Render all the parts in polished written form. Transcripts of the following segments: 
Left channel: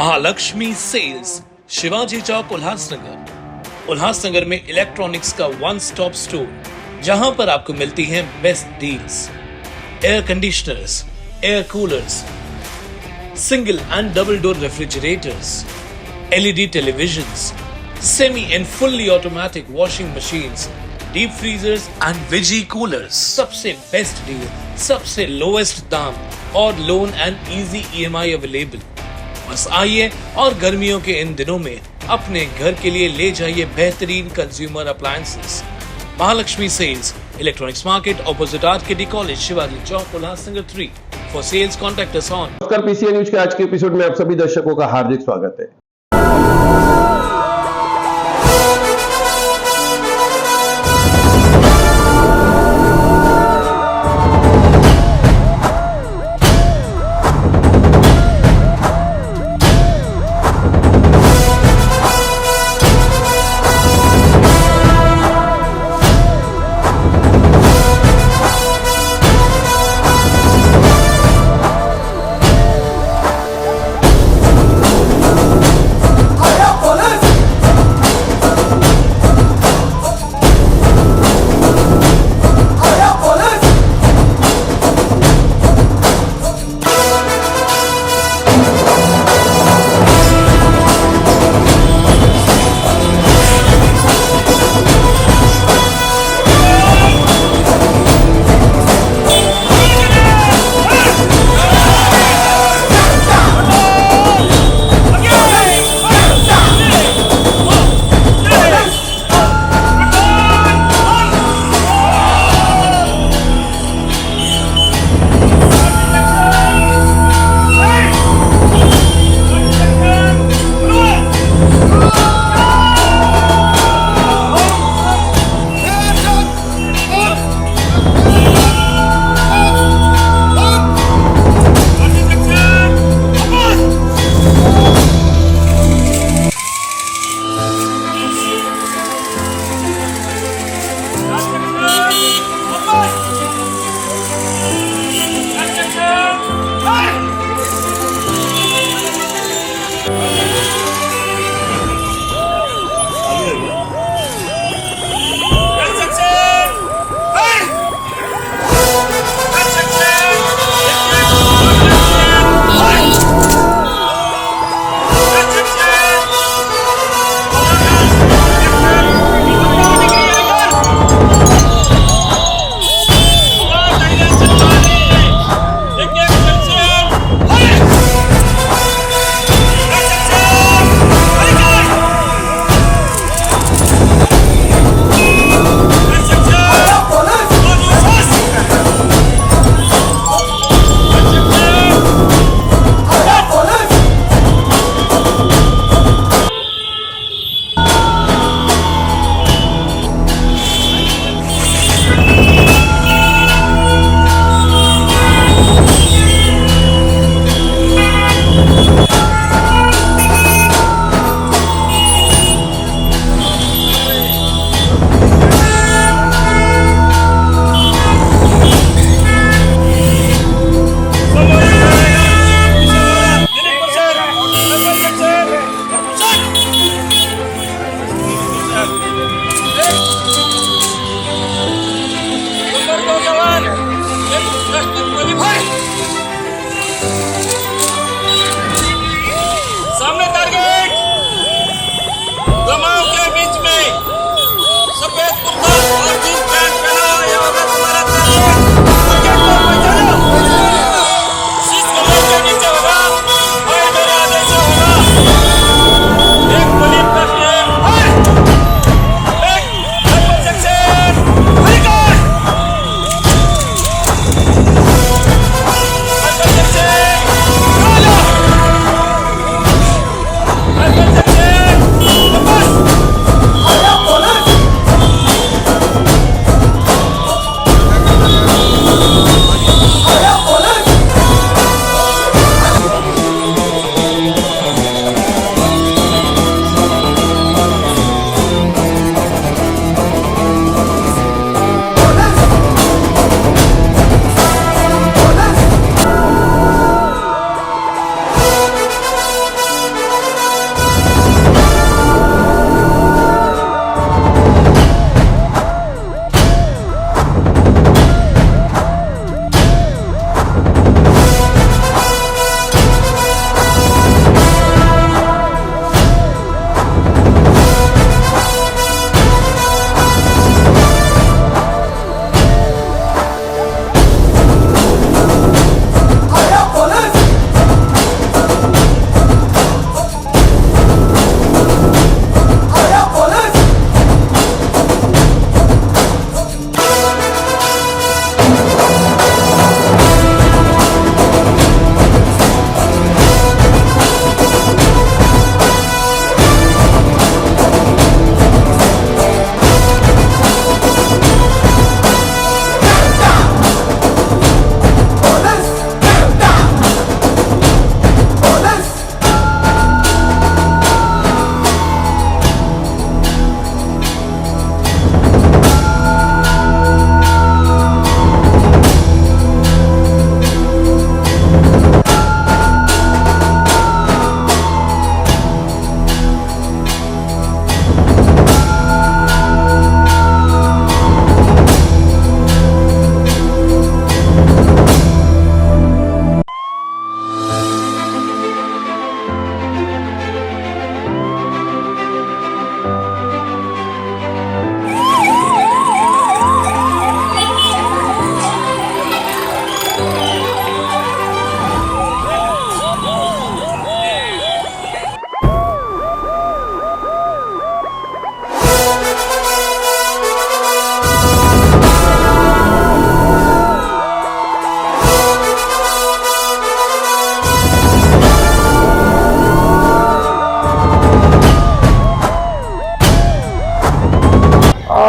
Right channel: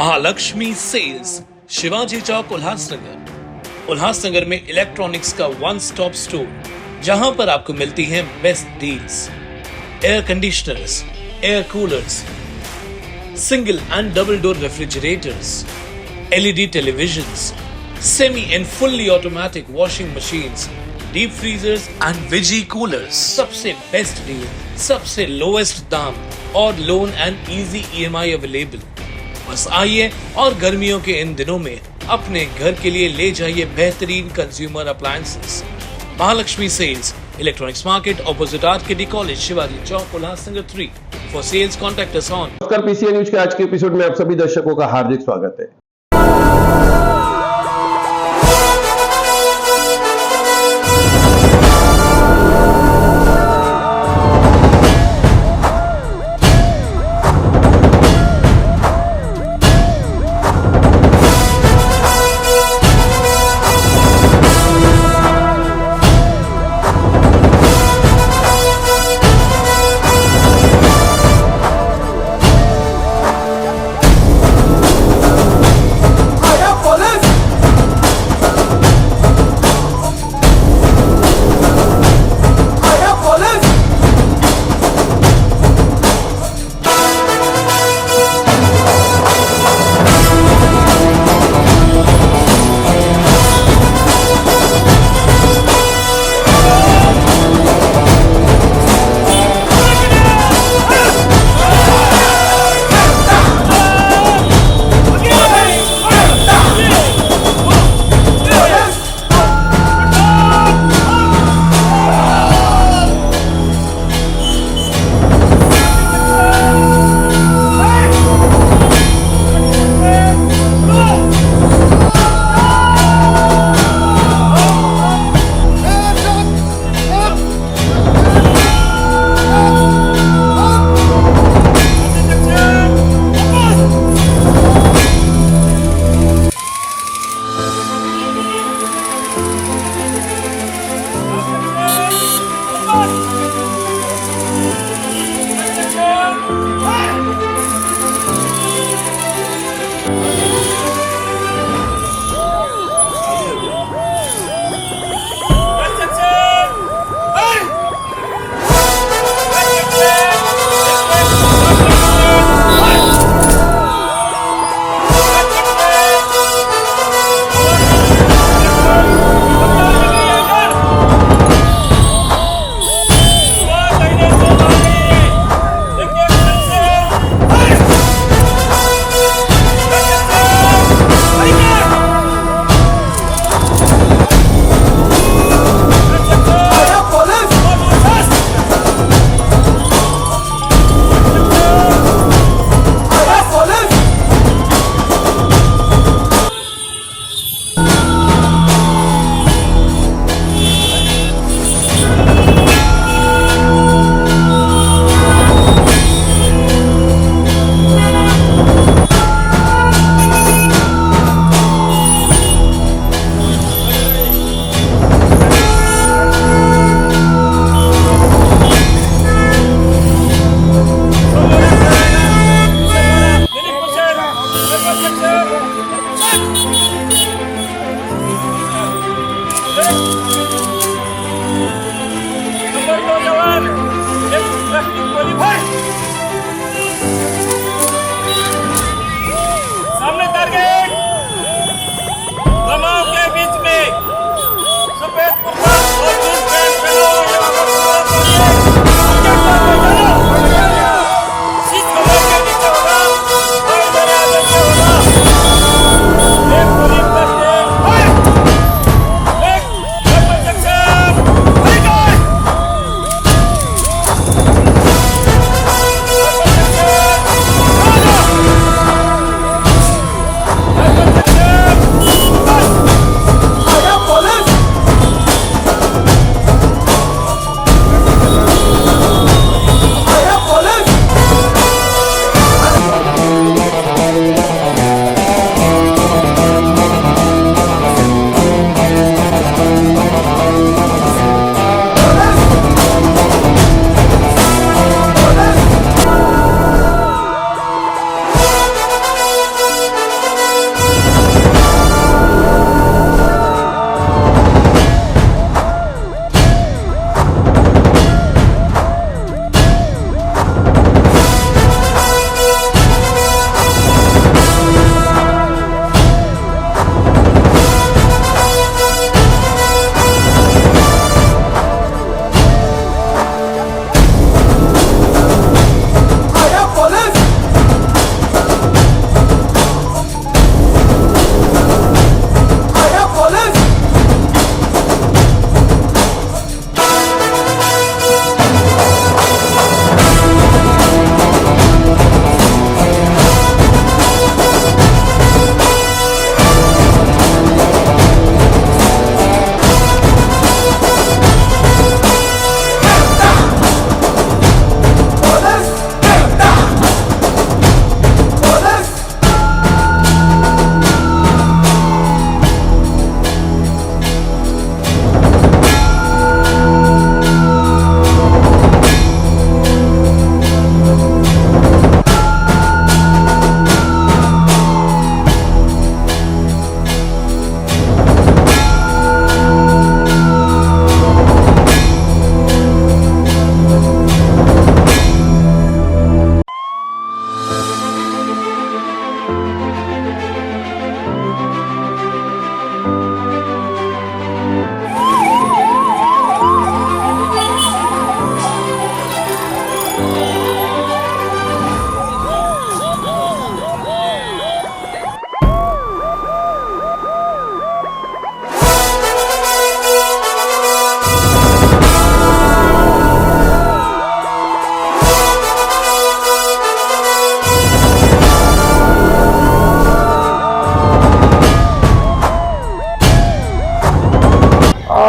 Mahalakshmi cells, Shivaji Chowk, Ulhasnagar. Ulhasnagar में electronics का one stop store, जहां पर आपको मिलती हैं best deals. Air conditioners, air coolers, single and double door refrigerators, LED televisions, semi and fully automatic washing machines, deep freezers and veggie coolers. सबसे best deal, सबसे lowest दाम और loan and easy EMI available. बस आइए और गर्मियों के in दिनों में अपने घर के लिए ले जाइए बेहतरीन consumer appliances. Mahalakshmi sales, electronics market, opposite RKD college, Shivaji Chowk, Ulhasnagar 3। For sales contact us on. नमस्कार, पीसीए न्यूज के आज के एपिसोड में आप सभी दर्शकों का हार्दिक स्वागत है।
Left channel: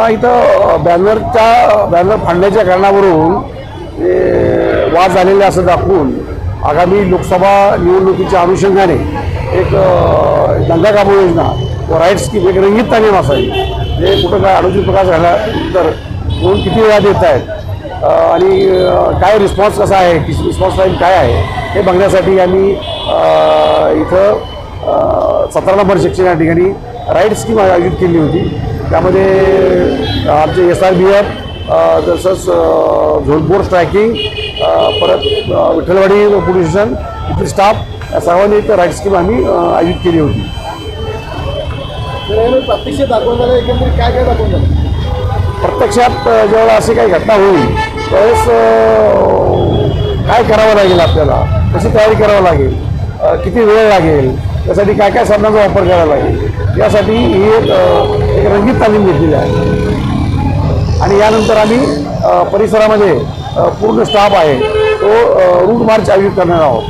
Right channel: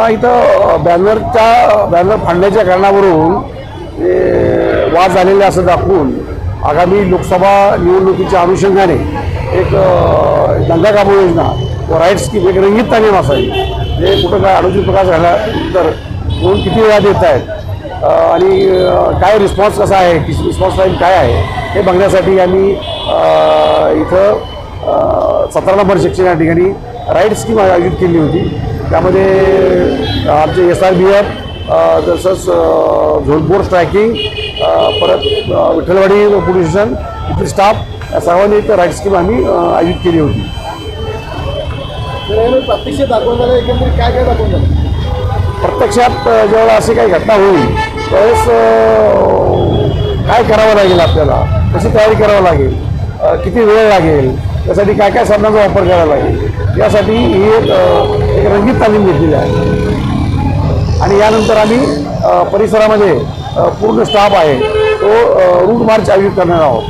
इथं बॅनर फाडण्याच्या कारणावरून वाद झालेले असं दाखवून आगामी लोकसभा निवडणुकीच्या अनुषंगाने एक दंगा काबू योजना व राईट्स की एक रंगीत तालीम असावी. जे कुठं काय अनुचित प्रकार झाल्यानंतर कोण किती वेळा देत आहेत आणि काय रिस्पॉन्स कसा आहे, रिस्पॉन्स टाईम काय आहे हे बघण्यासाठी आम्ही इथं 17 नंबर सेक्शन या ठिकाणी राईट स्कीम आयोजित केली होती. त्यामध्ये आमचे SRBF तसंच झोन 4 स्ट्रायकिंग परत विठ्ठलवाडी पोलीस स्टेशन इथले स्टाफ या सर्वांनी एक राईट स्कीम आम्ही आयोजित केली होती. प्रत्यक्ष दाखवून झालं, एकंदरीत काय काय दाखवून झालं? प्रत्यक्षात जेव्हा अशी काही घटना होईल त्यावेळेस काय करावं लागेल, आपल्याला कशी तयारी करावं लागेल, किती वेळ लागेल, त्यासाठी काय काय साधनांचा वापर करावा लागेल यासाठी ही एक रंगीत तालीम घेतलेली आहे. आणि यानंतर आम्ही परिसरामध्ये पूर्ण स्टाफ आहे तो रूट मार्च आयोजित करणार आहोत.